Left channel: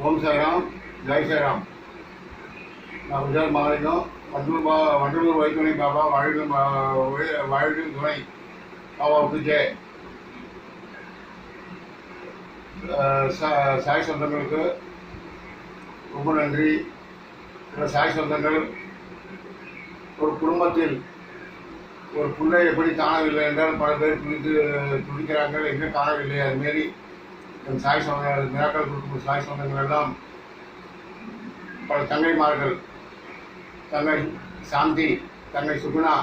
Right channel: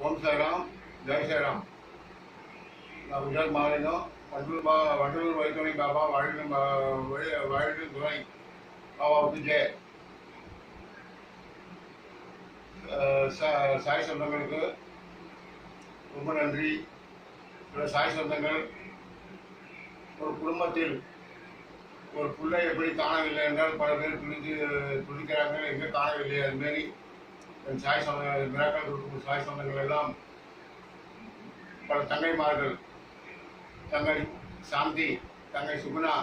ஓம் சாய்ராம் ஜெய் சாய்ராம் நான் குஜராத் மாநிலம் வண்டலூர் பா வண்டலூர் வைத்துணை பாபா வாழ்வு வாழ்வு துணை பாபாவுக்கு ஜெய் சாய் சொந்தங்களுக்கு ரொம்ப நன்றி. சாய் சொந்தங்கள் ஒரு குடும்பத்தில் ஒரு பிள்ளை எப்படி காணவில்லை என்றால் பல பேர் துணித்து துணிக்கிறாங்க எங்கே காணவில்லை அதுமாரி என் சாய் சொந்த மிராக்கள் கொடுக்கும் சாய் சொந்தங்கள் எல்லாம் பல தங்கைமார்கள் தங்கை சாந்தி தங்கை சுகுணா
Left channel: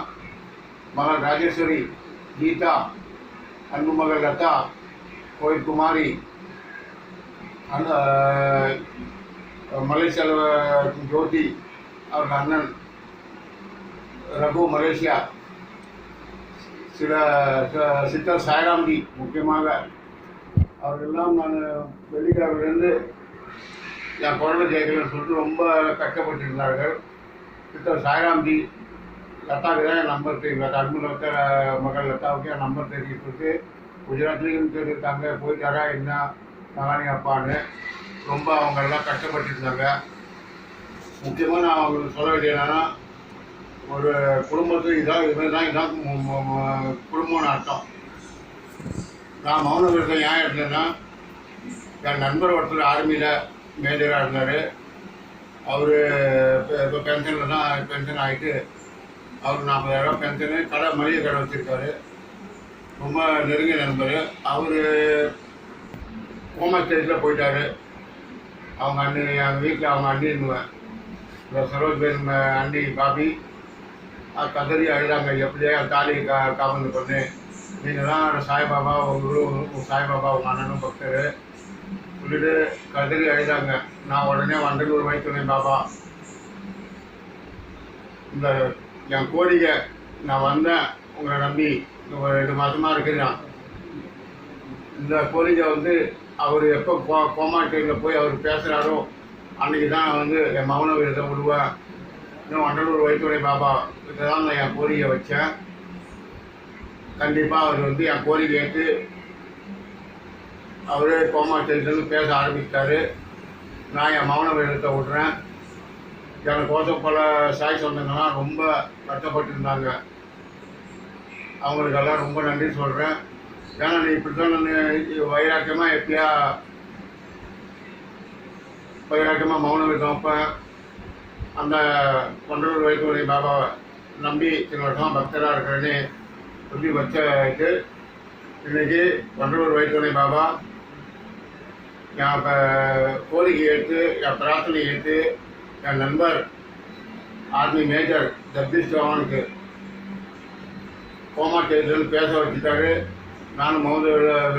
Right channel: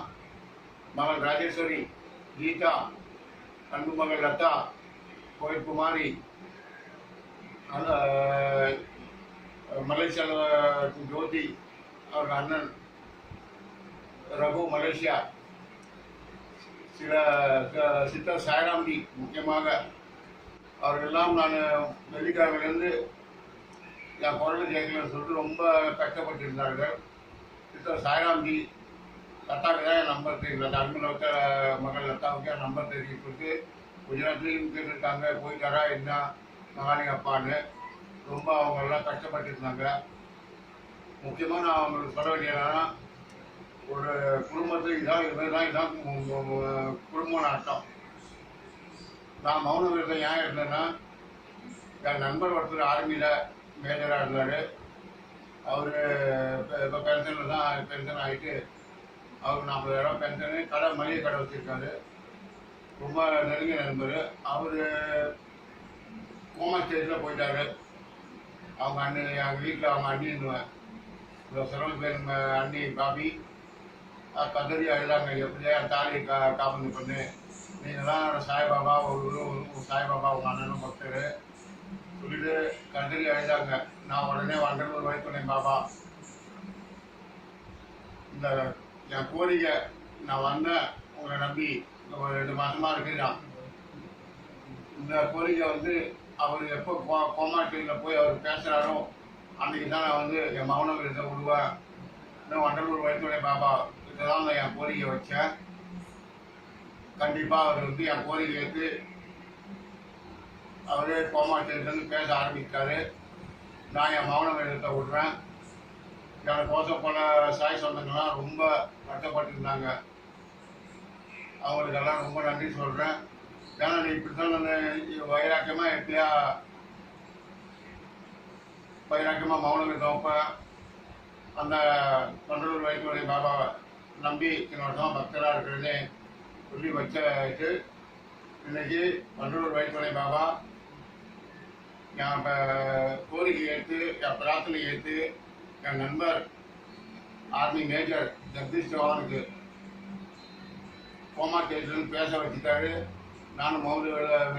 மகள் ராஜேஸ்வரி கீதா அன்பு மகள் லதா கோயில் குமாரி அந்த மலேசியாவில் ஜோதி அவர்கள் அண்ணன் ரகு மலேசியா சில சித்தர் சாய்ராம்ஜி முக்கியமாக அவர்களெல்லாம் நான் வெள்ளிக்கிழமையிலேருந்து என் குரலை கேட்கலன்னு சொல்லிட்டு ரொம்ப கஷ்டப்பட்டிருந்தார்கள். சித்தர் சாய்ராம்ஜி லதாவுக்கு தான் என் நம்பர் தெரியும். லதா அன்பு மகள் லதாவுக்கு என் நம்பர் தெரியும் சொல்லிட்டு குஜராத்லேயும் கேட்டுருக்காங்க. போயிட்டாரா என்ன? மகானி அப்பான்னு. ரொம்ப அவங்க எல்லாம் கஷ்டப்பட்டிருந்தாங்க. முக்கியமாக நான் அவங்களுக்கு சொல்ல வேண்டியதுனா ஒரு குடும்பத்துக்கு இதான் இதுமாதிரி தான் இதான் குடும்பம்னு அர்த்தம். நான் மௌன விரதம் ஏன் இருந்தேன்னா என் நண்பர் ஒருத்தர் ஆர்மியில் மேஜராக இருந்தார். அவர் இப்போ பென்ஷனில் தான் பென்ஷன் ஆகிட்டு அவர் நாற்பதாயிரம் பென்ஷனு கடை மளிகை கடை வச்சுருக்காரு. ரொம்ப நெருங்கிய நண்பர். அவர் கோமா ஸ்டேஜில் போயிட்டார். அவங்க அண்ணி என் வீட்டில் அவங்க அண்ணி இருந்துவேன் இந்த சரோஜ் பேர் அண்ணி பாபி. கதறி அழுதாங்க. எப்படியே தாலி கா காமந்து பண்ணு. நீங்களாம் சாய்பாபா ஒரு சாய்பாபா உங்கள் அண்ணனும் பக்தர். சொல்லிட்டு கதறி அழுதாங்க நான் உடனே வண்டலூர் வைத்துனேன் பாபா இந்த என் கோரிக்கை நான் வந்தேன். உங்களை நம்பி ஒரு ரெண்டு மாதமாக இருக்கிறான். இந்த கோரிக்கை வந்து அவர் எப்போ கோ கோமா போய் அவர் பேசுகிறாரோ அன்றைக்கி தான் நான் வந்து என் மௌன விரதத்தை விடுவேன். இன்னும் வண்டலூர் வைத்துணை பாபா இதை தான் நான் என் கோரிக்கை வச்சேன். கண்டிப்பாக அவர் வந்து என் கோரிக்கை ஏற்று அவரே கோமா ஸ்டேஜில் பேச ஆரம்பிச்சிட்டாரு. நான் என் மௌன விரதத்தை விடுறேன். எனக்கோசம் பல சாய் சொந்தங்கள்லாம் ரொம்ப கஷ்டப்பட்டு இருந்தாங்க அவங்களுக்கெல்லாம் ரொம்ப நன்றி சொல்கிறேன் ஏன்னா நீ இப்படி தான் நான் வைராக்கியமாக எப்படியா வைராக்கியமாக மௌன வைப்பேன். அந்த கொண்டலூர் வைத்துறை பாபாவை நம்பி இத்தனை வருஷமாக பக்தராக இருக்கிறேன்னு சொல்லி வச்சு இன்னைக்கு கொண்டலூர் வைத்துறை பாபா என் இப்போ கோரிக்கை எடுத்து என் பிரார்த்தனை எடுத்து என் நண்பர் ஆர்மி மேஜர் ஜகதீஷ் சௌஹானுக்கு கோமா தேர்தல் பேச வச்சுட்டாரு. நானும் மௌன விர-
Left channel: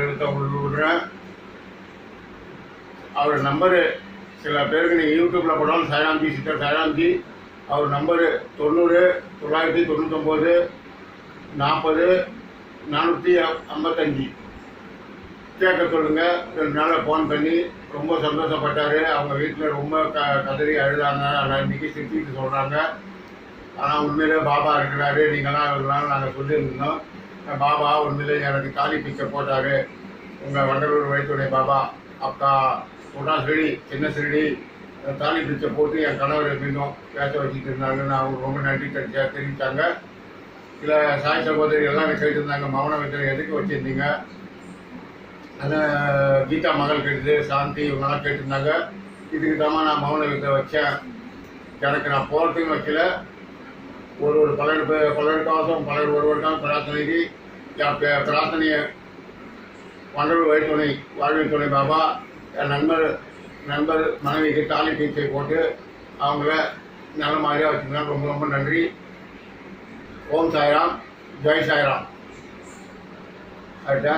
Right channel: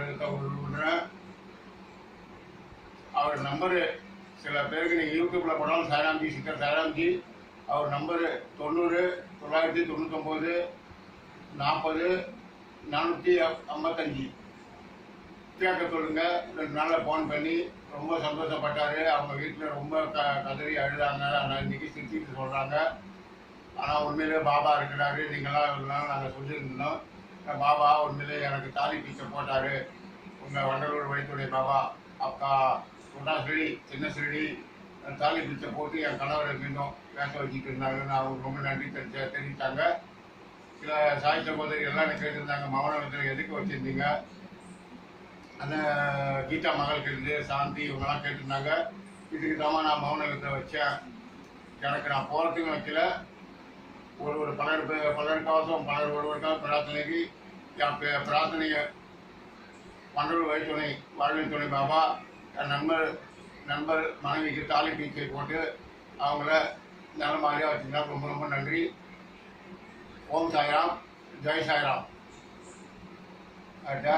விடுறேன். அவர் நம்பரு சில பேருக்கு நீங்கள் யூடியூப்பில் போனாலும் சாய்ராம்ஜி சித்தர் சாய்ராம்ஜி அவர் நம்பரு தொண்ணூறு தொள்ளாயிரத்தி தொண்ணூத்தொம்போது நாற்பது நானூற்றி ஐம்பத்தஞ்சு. கேட்க சொல்லுங்கள் ரெண்டு நாளில் ஃபோன் பண்ணி ரொம்ப சந்தோஷப்பட்டார். அவங்க வீட்டில் ரொம்ப க கதறி அழுதாங்க. ஆனால் இன்றைக்கி சிரிச்சிட்டு சொல்கிறாங்க ஆனால் உண்மையிலே பாபா இருக்கிறாரு. நீங்களாம் இருக்கலாம்னு நாங்கள் சொல்லியிருந்தோம். பாபா உண்மையிலே எனக்கு தாலி பிச்சை போட்டார். உங்கள் வண்டலூர் வழித்துறை பாபா அக்கா சொன்னா சிறடி சின்ன சிறடி தாலி பிச்சை போட்டு என் கணவர் நின்றோம் பேச வச்சுட்டு இருந்தாங்கன்னு அவங்க ரொம்ப நன்றி தெரிஞ்சா தெரிவித்தாங்க சில சாய் சகோதரி எல்லாம் கேட்டிருந்தாங்க. மௌன வித்திரை எதுக்கு வச்சுருந்தீங்க? அதான் கீதா மகள் கேட்டுது சாந்தி இவங்கெல்லாம் கேட்டிருந்தாங்க. இதுக்கு தான் நான் மௌன வித்தை வச்சேன். எனக்கு நான் போகிறதுக்கும் வைக்கல. ஒரு ஒரு பலர் பலருக்காகவும் பலர் கவசம் ஒருவருக்காக பிரார்த்தனைக்கு என் பிரார்த்தனையை வண்டலூர் வழித்துணை வாழ்வின் துணை பாபா என் நண்பர் நண்பர் மனைவிக்கு தாலி பீச்சை போட்டு அவங்கள நல்ல மாதிரியாக வச்சுருந்தாங்க. ரொம்ப ரொம்ப நன்றி. ஓம் சாய்ராம் ஜெய் சாய்ராம் ஆயிட்டா